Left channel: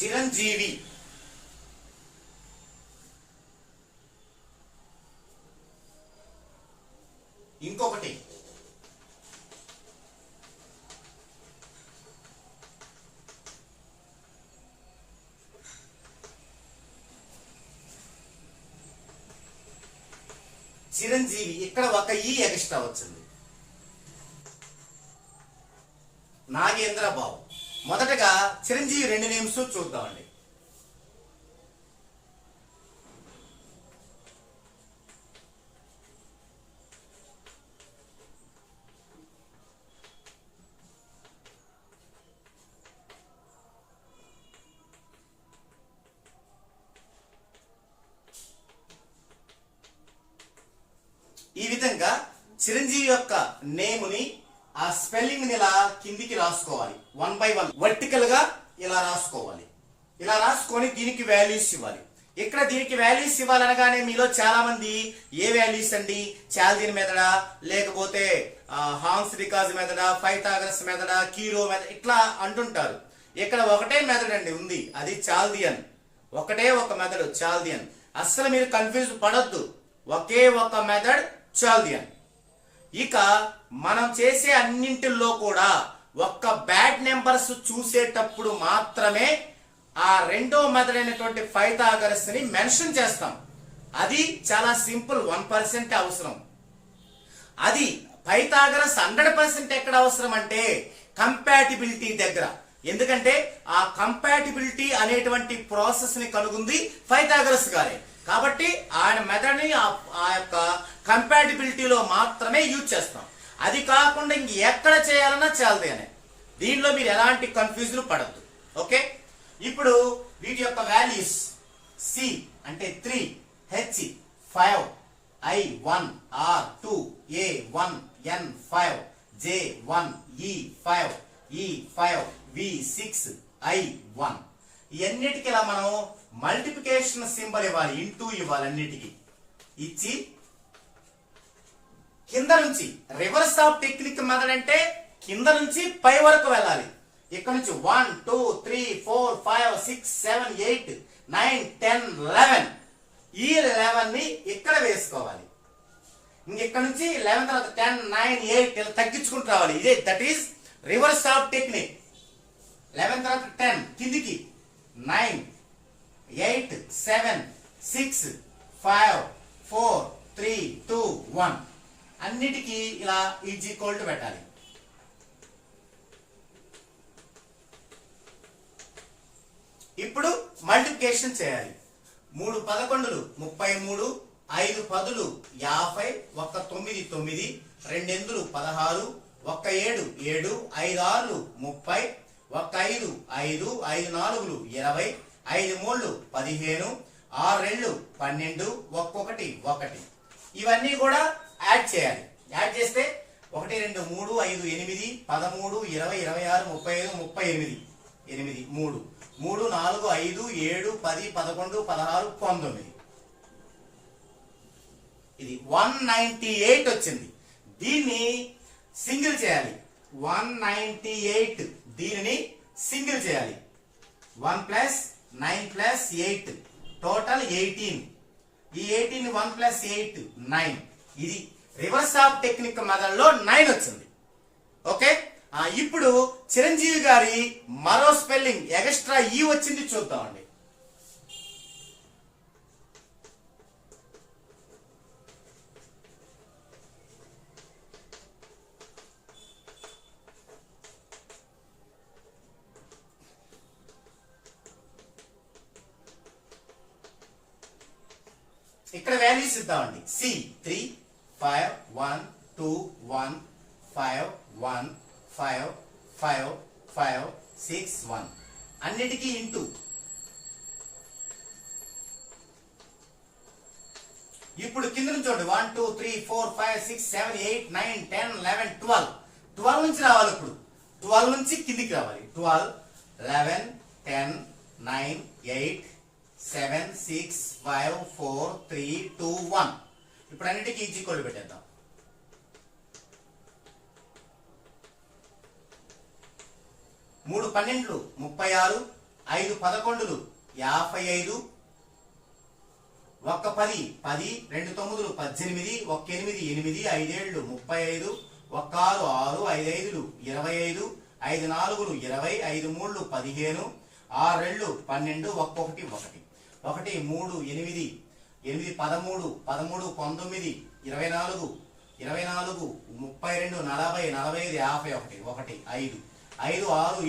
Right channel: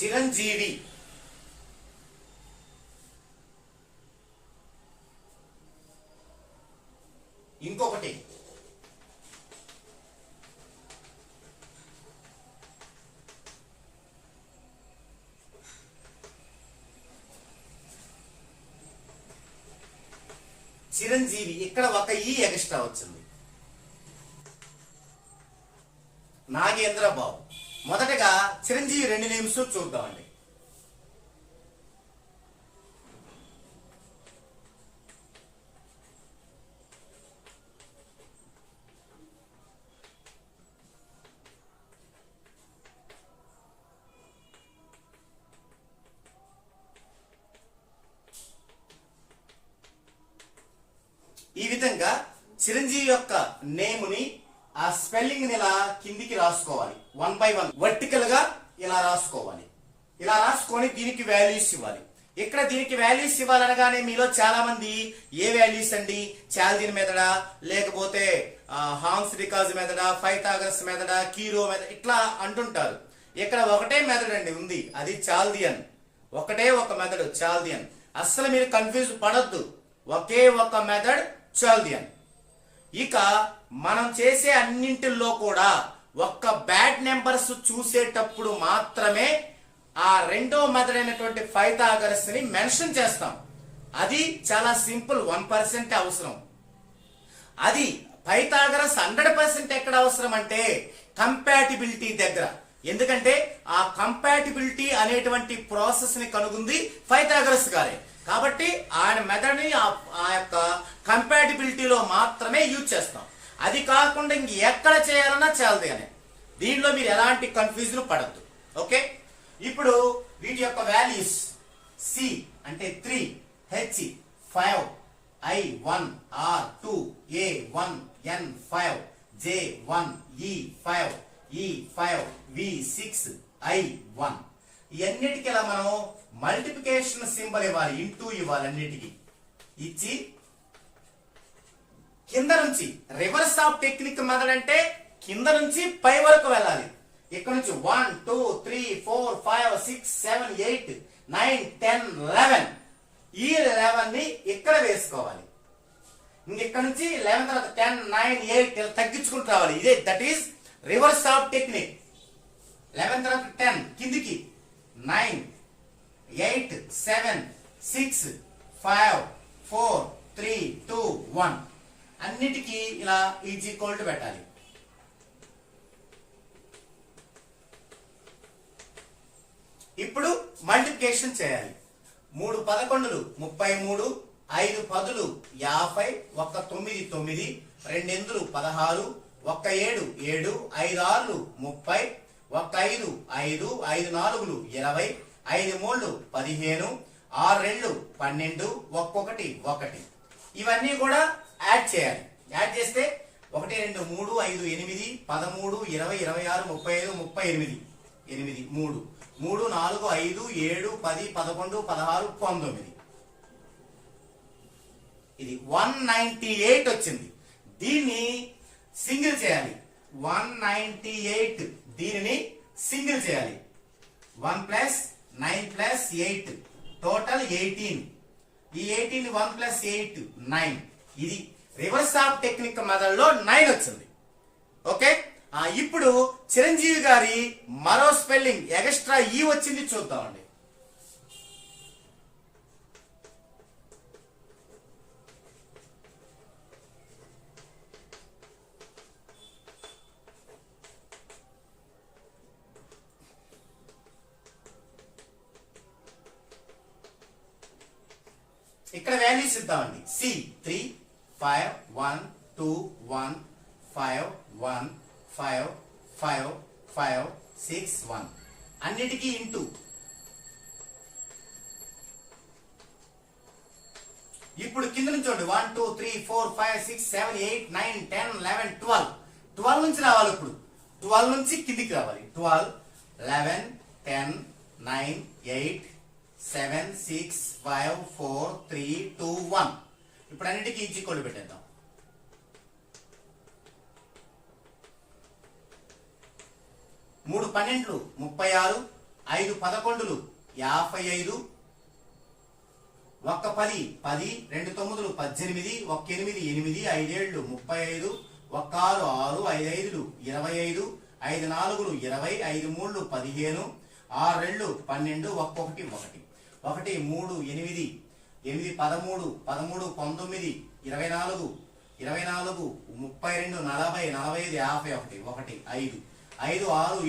చిరంజీవి ఇంకొకటి చిరంజీవి, ఇక్కడ ఒక ఈ ఎక్స్ట్రా వచ్చింది. నాగేంద్ర బాబు. మొదటగా చిరంజీవి 2 నేమ్స్ చూద్దామండి. ఈ విధంగా చిరంజీవి యొక్క నేముని ఆ స్పెల్లింగ్ ని ఇలా కిందికి రాసుకోవాలి. 1 by 1 వర్టికల్ గా ఇలా రాసుకోవాలి. ఇలా రాసుకొని దీనికి వాల్యూస్ ఇవ్వాలి. ఇక్కడ దీనికి వాల్యూస్ ఇవ్వాలనగానే మీలో చాలా మంది ఏ వాల్యూస్ అండి, చాల్దిన్ మెథడా, లేకపోతే హాన్స్ రికాజ్ మెథడా, పైథాగరస్ మెథడా, కీరో మెథడ్ ఇట్లా అంటుంటారు. ఇక్కడ ఒకటే మెథడ్ అండి ఉంది, అది చాల్దియన్. ఒకటే ఒక మెథడ్ చాల్దియన్. అస్సలు మీరు కన్ఫ్యూజ్ పడొద్దు, ఒకే ఒక మెథడ్ చాల్దియన్. ఇక మనం చేసే అన్నింటిలో కూడా ఒక్క బ్యాడ్ నెంబర్స్ చూసేటప్పుడు మాత్రమే ఆ రెండో మెథడ్ అయినటువంటి పైథాగరస్ ని మెన్షన్ చేస్తాం. అది చాలా సింపుల్, 1% అవసరం. అది పైథాగరస్ 100% ఎక్కడ అవసరం అంటే కంపాటిబిలిటీ దగ్గర. ఎందుకంటే ఆ కంపాటిబిలిటీ అనేటువంటి ప్రాసెస్ ని కనుగొంది పైథాగరస్ గారే. కాబట్టి ఆయన మెథడ్ ని ఆ యొక్క కంపాటిబిలిటీలో మాత్రమే యూజ్ చేస్తాం. అది కాకుండా ఇంక ఎక్కడ చేయాలన్నా చాలదు అని. దీనిలో మీరు ఎలాంటి కన్ఫ్యూజన్ పడద్దు. ఓకే, ఇప్పుడు వీటి యొక్క వాల్యూస్ సి అంటే 3, హెచ్ 5, ఐ 1, ఆర్ 2, ఏ 1, ఎన్ 5, జే 1, ఈ 5, ఈ 5, వి 6, ఐ 1. ఇవన్నిటికీ ఇలా మనం మల్టిప్లికేషన్ సింబల్ ఇవ్వాలి, ఇంటూ ఇవ్వాలి. అన్నిటికీ ఇచ్చి కింద నుంచి రివర్స్ ఆఫ్ టెక్నిక్ మెథడ్ అంటే కింద నుంచి పై వరకు వెళ్ళాలి. ఇక్కడ నుంచి 1, 2, 3, 4, 5, 6, 7, 8, 9, 10, 11. ఈ 11 ని ఇక్కడ వేసుకోవాలి. ఇక్కడ నుంచి 11 తర్వాత 10, 9, 8 ఇలా తగ్గించుకుంటూ రావాలి. ఇదే that is reverse of technique. 11 తర్వాత 10 కిందికి 9, 8, 7, 6, 5, 4, 3, 2, 1. అన్నిటికీ ఇలా ఈజ్ ఈక్వల్ టు పెట్టాలి. ఇప్పుడు మల్టిప్లికేషన్ చేయాలి. 3 11లు 33, 5 10లు 50, 1 9 9, 2 8లు 16, 1 7 7, 5 6లు 30, 1 5 5, 5 4లు 20, 5 3లు 15, 6 2లు 12, 1 1. ఇవన్నీ కూడా యాడ్ చేయాలి. యాడ్ చేస్తే 1 2 3 5 8 13 20 26 35 38 8 3 3 4 5 7 10 11 16 19. ఇది 198 వచ్చింది. దీన్ని సింగిల్ చేయాలి. 198 దీనిని సింగిల్ చేయాలి. 1 ప్లస్ 9 ప్లస్ 8 టోటల్ 18. ఈ 18 1 ప్లస్ 8 9. ఇది రివర్స్ ఆఫ్ టెక్నిక్ మెథడ్ లో 9 వచ్చింది. ఓకే, ఇప్పుడు చిరంజీవి గారి మరో స్పెల్లింగ్ ఎక్స్ట్రా ఈ వచ్చింది చూద్దామండి. ఇక్కడ వాల్యూస్ ఇద్దామండి. సి 3 5 1 2 1 5 1 5 5 5 6 1. అన్నిటికీ ఇంటూ. ఇప్పుడు కింద నుంచి చూడండి 1 2 3 4 5 6 7 8 9 10 11 12. 12 నుంచి రావాలి. ఇప్పుడు 12 నుంచి కిందికి రావాలి. 12 11 10 9 8 7 6 5 4 3 2 1. ఇప్పుడు అన్నిటికీ ఈజ్ ఈక్వల్ పెట్టేద్దాం. 3 12లు 36, 5 11లు 55, 1 10 10, 2 9లు 18, 1 8 8, 5 7లు 35, 1 6 6, 5 5లు 25, 5 4లు 20, 5 3లు 15, 6 2లు 12, 1 1 1 1 3 8 8 13 13 19 24 24 32 40 45 51 1 5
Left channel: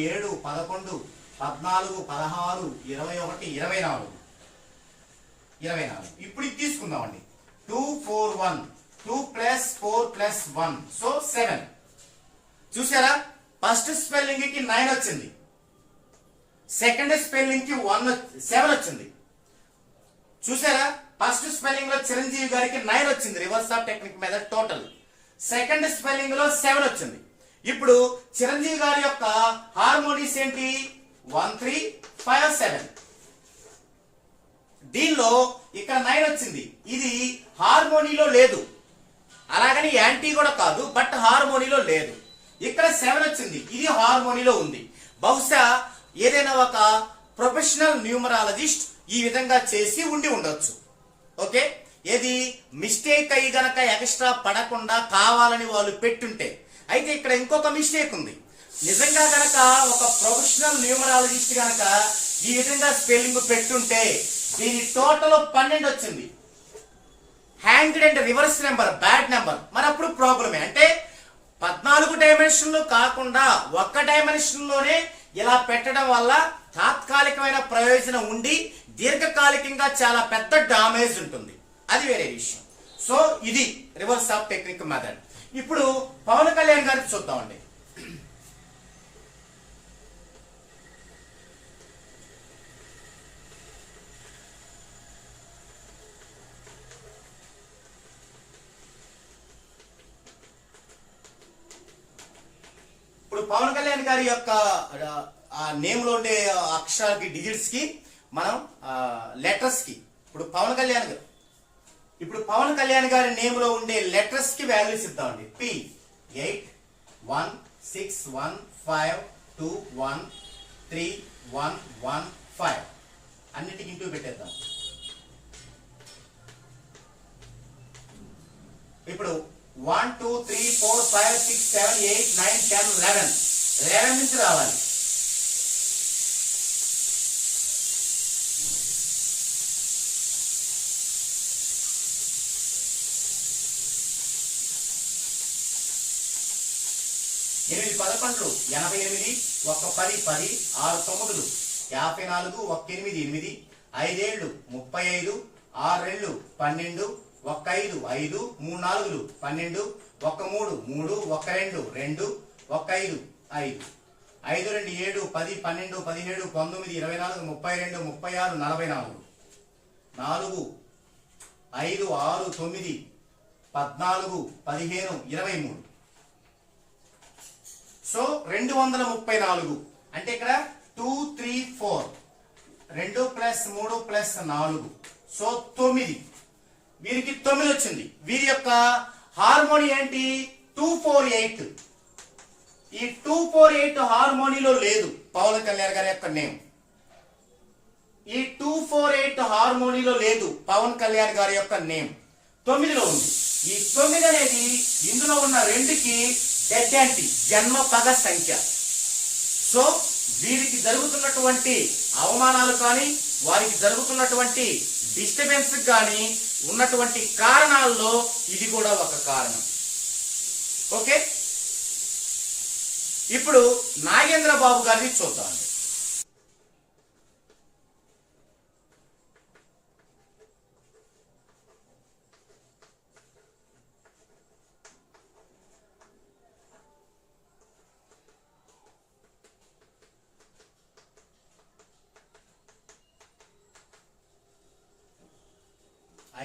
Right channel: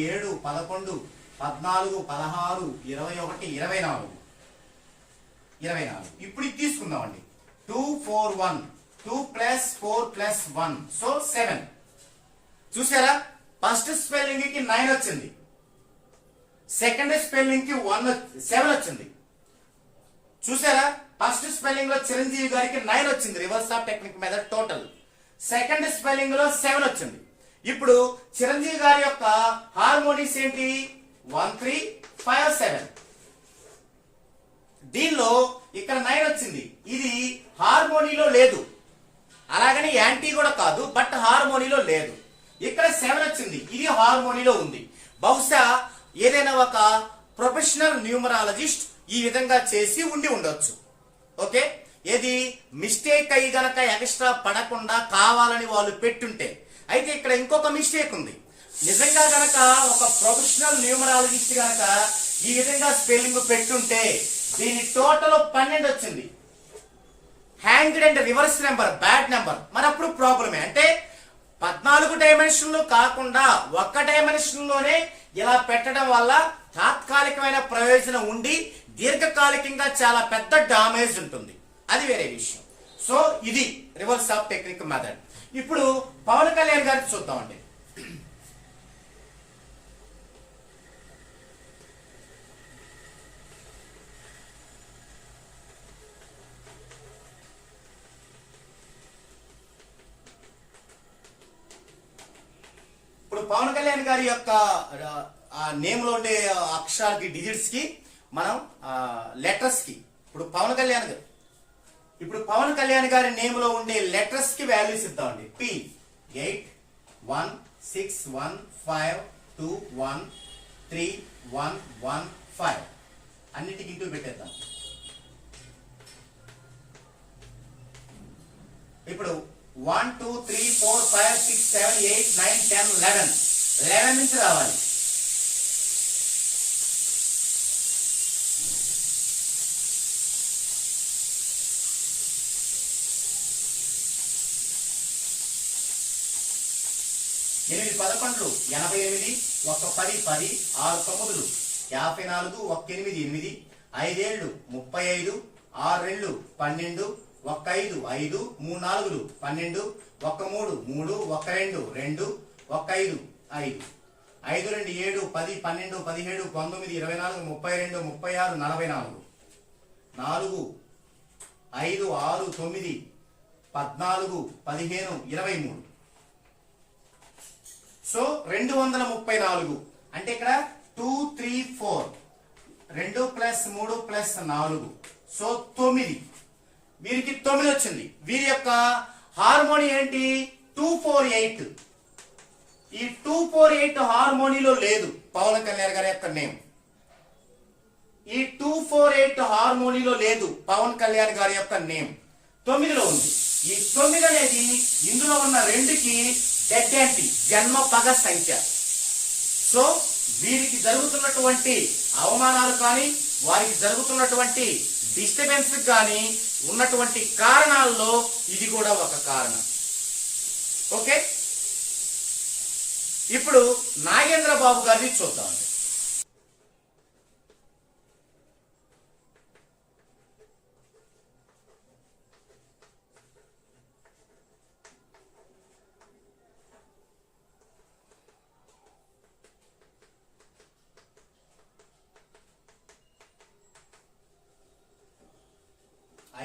5 6 7 11 14 16 21 24 24. ఇప్పుడు ఇది తీసుకుందామండి. 2 4 1 2 ప్లస్ 4 ప్లస్ 1 సో 7. చూసారా, ఫస్ట్ స్పెల్లింగ్ కి 9 వచ్చింది, సెకండ్ స్పెల్లింగ్ కి 7 వచ్చింది. చూసారా, ఫస్ట్ స్పెల్లింగ్ లో చిరంజీవి గారికి 9 వచ్చింది, reverse of technique method total. Second spelling లో 7 వచ్చింది. ఇప్పుడు చిరంజీవి గారి యొక్క హార్మోనీస్ ఏంటి? 1 3 5 7. దీనిలో ఇక్కడ 9 వచ్చింది, ఇది హార్మోనీలో లేదు, అలాగని యాంటీ కూడా కాదు, బట్ హార్మోనీలో లేదు. ఇక్కడ 7 వచ్చింది, ఇది హార్మోనీలో ఉంది. బహుశా ఏదైనా ఒక ప్రొఫెషనల్ న్యూమరాలజిస్ట్ ఈ విధంగా చేసి ఉండి ఉండొచ్చు. ఓకే, ఏది మిస్టేక్ అయ్యి గనక ఎక్స్ట్రా పడకుండా కావాలని వాళ్ళు పెట్టుంటే. అయితే ఇక్కడ ఇంకొక మిస్టేక్ ఉంది. నిజంగా గనక ఒక ప్రొఫెషనల్ న్యూమరాలజిస్ట్ గనక ఈ విధంగా స్పెల్లింగ్ పెట్టుంటే దీని టోటల్ 12 వచ్చింది. Hanged and reverse number, bad number. మరి అప్పుడు ప్రాబ్లమే. అంటే 14 డైమెన్షన్లు కాకుండా ఒక్క డైమెన్షన్ లోనే ఇలా పెట్టడం వల్ల తాత్కాలికమైన ప్రయోజనం ఉండి దీర్ఘకాలికంగా చాలా పెద్ద డామేజ్ ఉంటుంది, అది వేరే విషయం. సో ఇది రివర్స్ ఆఫ్ టెక్నిక్ మెథడ్. ఇప్పుడు పవన్ కళ్యాణ్ గారికి చూద్దామండి. ఇప్పుడు పవన్ కళ్యాణ్ గారి యొక్క నేమ్ లో ఉండే అక్షరాలకి, డిజిట్స్ కి మనం లెటర్స్ కి ఇప్పుడు పవన్ కళ్యాణ్ గారి నేమ్ లో ఉండే లెటర్స్ కి వాల్యూస్ ఇద్దామండి. P 8 1 6 1 5 2 1 3 1 1 5 అన్నిటికి ఇంటూ పెట్టేద్దాం. ఇప్పుడు 1 2 3 4 5 6 7 8 9 10 11 నుంచి రావాలి. ఎనిమిది 11లు 88, 1 10 10, 6 9లు 54, 1 8 8, 5 7లు 35, 6 2లు 12, 1 5 5, 3 4లు 12, 1 3 3, 1 2 2, 1 5 5, 5 2 7 10 12 17 19 24 32 36 44, 4 5 6 9 14 15 23. సో 234. అంటే ఇక్కడ 2 3 4 2 ప్లస్ 3 ప్లస్ 4 సో 9. వీరికి 9 వచ్చింది. వీరి యొక్క హార్మోని ఏంటి? 248. ఈ 248 హార్మోనీలో లేదు పవన్ కళ్యాణ్ గారి యొక్క నేమ్. ఈ 248 హార్మోనీలో లేదు పవన్ కళ్యాణ్ గారి యొక్క నేమ్. 9లో ఉంది. ఈ 9 అనేది ఇందులో ఉన్న 2కి డెడ్ యాంటీ, జన్మ పగ సంఖ్య. సో వీరికి జరుగుతున్నటువంటి అవమానాలు కానీ, వారికి జరుగుతున్నటువంటి డిస్టర్బెన్స్ కానీ ఉన్నటువంటి కారణాల్లో ఇది కూడా ఒక కారణం. ఓకే, ఇప్పుడు నాగేంద్ర బాబు గారిని చూద్దామండి.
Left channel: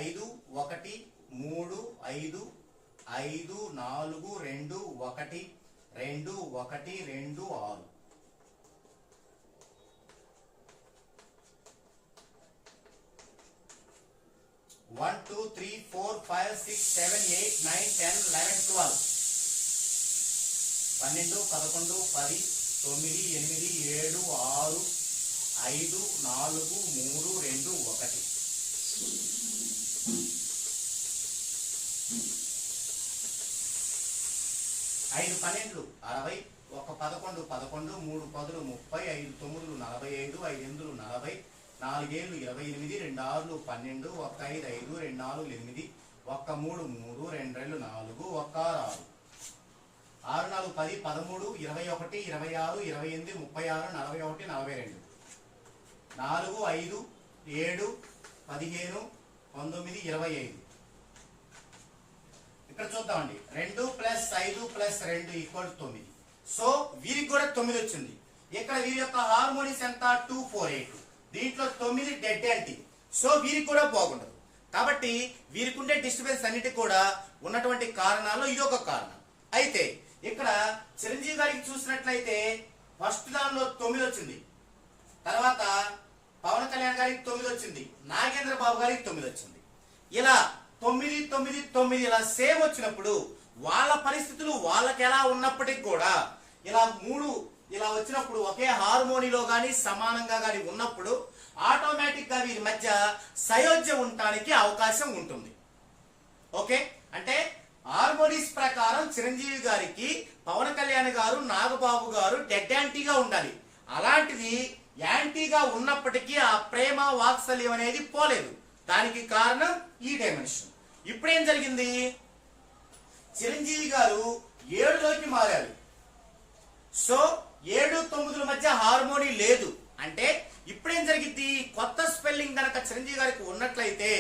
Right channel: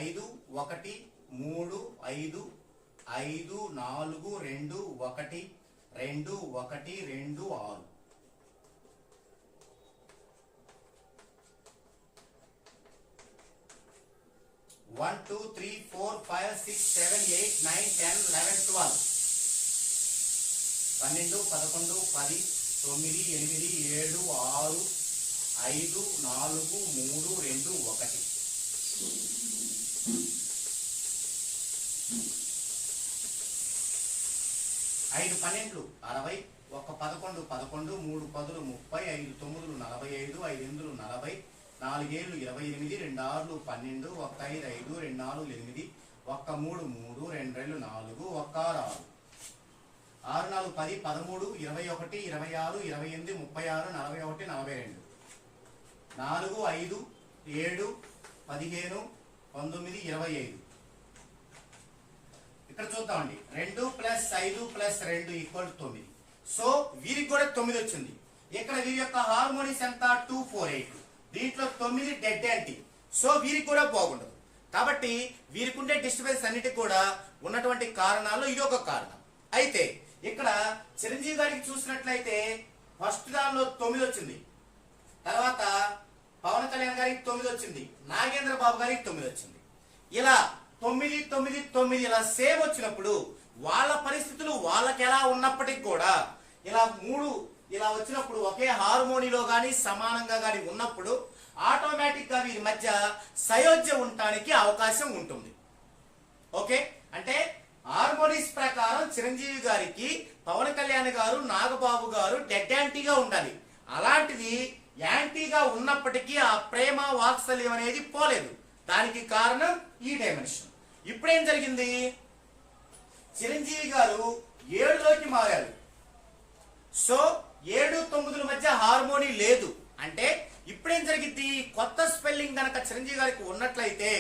ఐదు 1 3 5 5 4 2 1 2 1 2 6. One, 2, 3, 4, 5, 6, 7, 8, 9, 10, 11, 12. 12, 11, 10, 9, 8, 7, 6, 5 4 3 2 1. 5 12 60, 1 11 11, 3 10 30, 5 9 45, 5 8 40, 4 7 28, 2 6 12, 1 5 5, 2 4 8, 1 3 3, 2 2 4, 1 6 6, 6 4 10 13, 21 26, 28, 36, 41 42, 4 5 7 15 19 25. ఇక్కడ చూద్దామండి, 2 + 5 + 2 = 9. సో వీరికి కూడా 9 వచ్చింది. ఇక్కడ వీరి యొక్క హార్మోనిక్స్ ఎంత? 248. దీంట్లో 9 డెడ్ యాంటీ. సో వీరికి కూడా బాగుండదు. కాబట్టి వీరికి ఉండే డిస్టర్బెన్స్ అన్నిటికి కూడా ఉన్నటువంటి కారణాల్లో ఇది ఒక కారణం. అయితే ఇక్కడ చిరంజీవి గారికి చూసినట్లయితే ఫస్ట్ దానిలో 9 వచ్చింది, తర్వాత పవన్ కళ్యాణ్ గారికి 9 వచ్చింది, నాగేంద్ర బాబు గారికి 9 వచ్చింది. ఇలా 9 9 9 ఇలా సేమ్ వచ్చినప్పుడు వాళ్ళ పరిస్థితులు వాళ్ళకి ఎలా ఉన్నప్పటికీ కూడా ఇలా 3 ఇలా వచ్చినప్పుడు ఒకే హార్మోనిలో గాని సమానంగా గాని ఉన్నప్పుడు ఆటోమేటిక్ గా వీరి మధ్య సయోధ్య ఉండటానికి అవకాశం ఉంటుంది. ఓకే, అంటే హార్మోనిక్స్ ప్రకారం చిరంజీవి గారికి పవన్ కళ్యాణ్ గారు నాగబాబు గారు డెడ్ యాంటీగా ఉండాలి. అలాంటిది యాంటీగా ఉన్నప్పటికీ ఆ ప్రేమ వాత్సల్యం అనేది పోలేదు. దానికి కారణం ఈ డైమెన్షన్. ఇప్పుడేం జరిగింది? చిరంజీవి గారు 7లోకి మారారు. సో 7 9ల మధ్య హార్మోని లేదు. అంటే ఇప్పుడేం జరిగింది? కొత్త స్పెల్లింగ్ గనక చిరంజీవి గారికి ఉన్నట్లయితే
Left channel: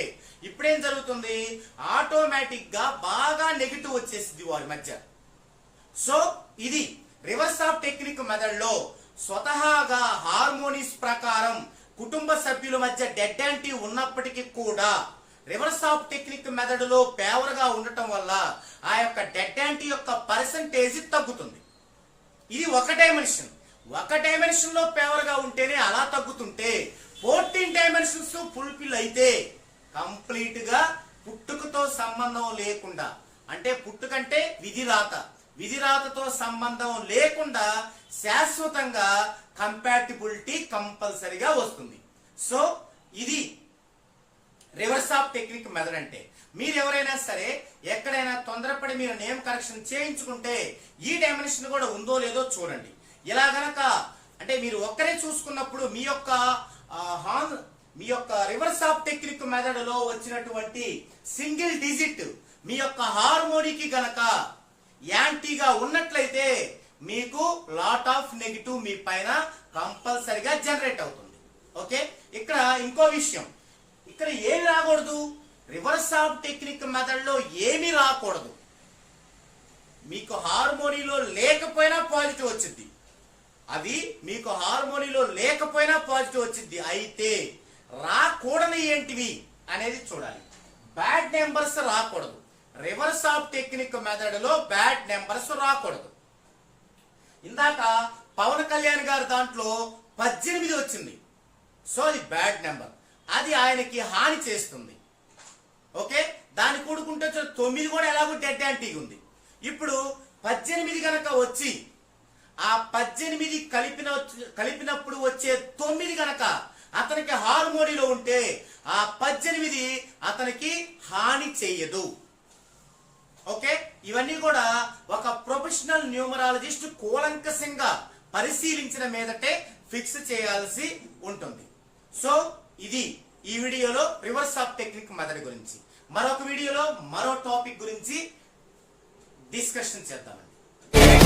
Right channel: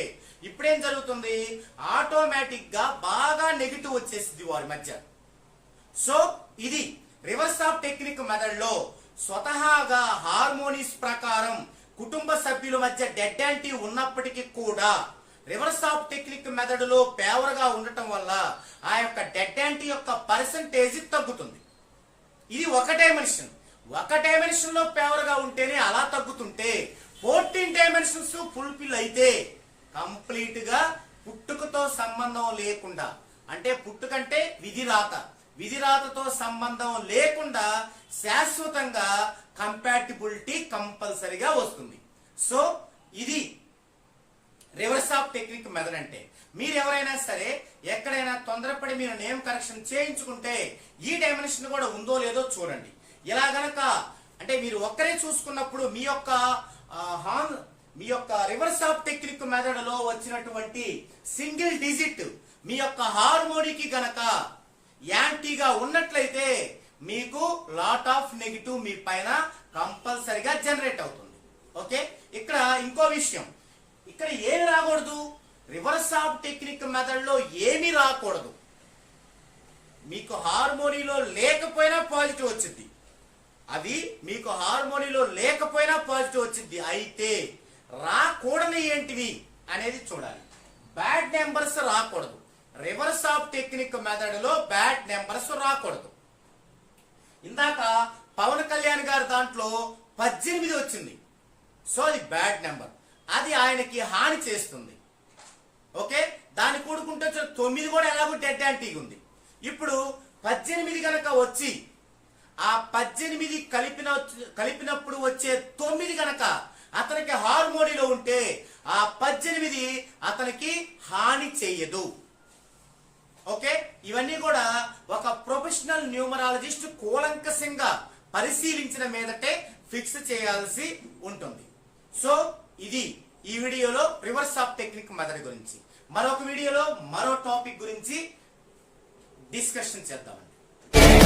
ఇప్పుడేం జరుగుతుంది? ఆటోమేటిక్ గా బాగా నెగిటివ్ వచ్చేసింది వారి మధ్య. సో ఇది రివర్స్ ఆఫ్ టెక్నిక్ మెథడ్ లో స్వతహాగా హార్మోనిక్స్ ప్రకారం కుటుంబ సభ్యుల మధ్య డెడ్ యాంటీ ఉన్నప్పటికీ కూడా రివర్స్ ఆఫ్ టెక్నిక్ మెథడ్ లో ఫేవర్ గా ఉండటం వల్ల ఆ యొక్క డెడ్ యాంటీ యొక్క పర్సంటేజ్ తగ్గుతుంది. ఇది ఒక డైమెన్షన్. ఒక డైమెన్షన్ లో ఫేవర్ గా ఉంటేనే అలా తగ్గుతుంటే 14 డైమెన్షన్స్ ఫుల్ఫిల్ అయితే కంప్లీట్ గా పుట్టుకతో సంబంధం లేకుండా, అంటే పుట్టుకంటే విధిరాతతో సంబంధం లేకుండా శాశ్వతంగా కంపాటిబిలిటీ కంపల్సరిగా వస్తుంది. సో ఇది రివర్స్ ఆఫ్ టెక్నిక్ మెథడ్ అంటే. మీరు ఎవరైనా సరే ఎక్కడైనా తొందరపడి మీరు నేమ్ కరెక్షన్ చేయించుకుంటే ఈ డైమెన్షన్ కూడా ఉందో లేదో చూడండి. ఇలా గనక అంటే మీరు ఒక్కరే చూసుకున్నప్పుడు మీ యొక్క రివర్స్ ఆఫ్ టెక్నిక్ మెథడ్ లో వచ్చినటువంటి సింగిల్ డిజిట్ మీ యొక్క హార్మోనికి గనక యాంటీగా ఉన్నట్లయితే మీకు లాట్ ఆఫ్ నెగిటివ్ మీ పైన కంపల్సరిగా జనరేట్ అవుతుంది. ఓకే, ఇక్కడ ఇంకో విషయం, ఇక్కడ ఏమి రాకూడదు? రివర్స్ ఆఫ్ టెక్నిక్ మెథడ్ లో ఏమీ రాకూడదు. మీకు హార్మోనీలో లేకపోయినా పాజిటివ్ వచ్చింది, అవి మీకు హార్మోనీలో లేకపోయినా పాజిటివ్ వచ్చింది. అయితే రాకూడని ఏంటివి అనేది చూడాలి. బ్యాడ్ నెంబర్స్ రాకూడదు. రివర్స్ ఆఫ్ టెక్నిక్ మెథడ్ లో బ్యాడ్ నెంబర్స్ రాకూడదు. ఇందాక పవన్ కళ్యాణ్ గారి దాంట్లో 18 వచ్చింది. సో అది బ్యాడ్ నెంబర్, అది ఆయనకి హాని చేస్తుంది. ఓకే, దాన్ని కూడుకుంటే 9 కూడా ఎలాగో డెడ్ యాంటీగా ఉంది. ఇప్పుడు 18 గనక వచ్చి ఆ 18 కలిపినప్పుడు వచ్చే 9 గనక అతనికి హార్మోనీలో ఉంటే ఆ 18 అతనికి హాని చెయ్యదు. ఓకే, ఇవన్నీ కూడా ఒక ప్రొఫెషనల్ న్యూమరాలజిస్ట్ కూలంకషంగా పరిశీలించిన మీదటే ఫిక్స్ చేయాల్సి ఉంటుంది. సో ఇది ఈ వీడియోలో రివర్స్ ఆఫ్ టెక్నిక్ మెథడ్ గురించి. మరొక వీడియోలో మరో టాపిక్ గురించి డిస్కషన్ చేద్దాం.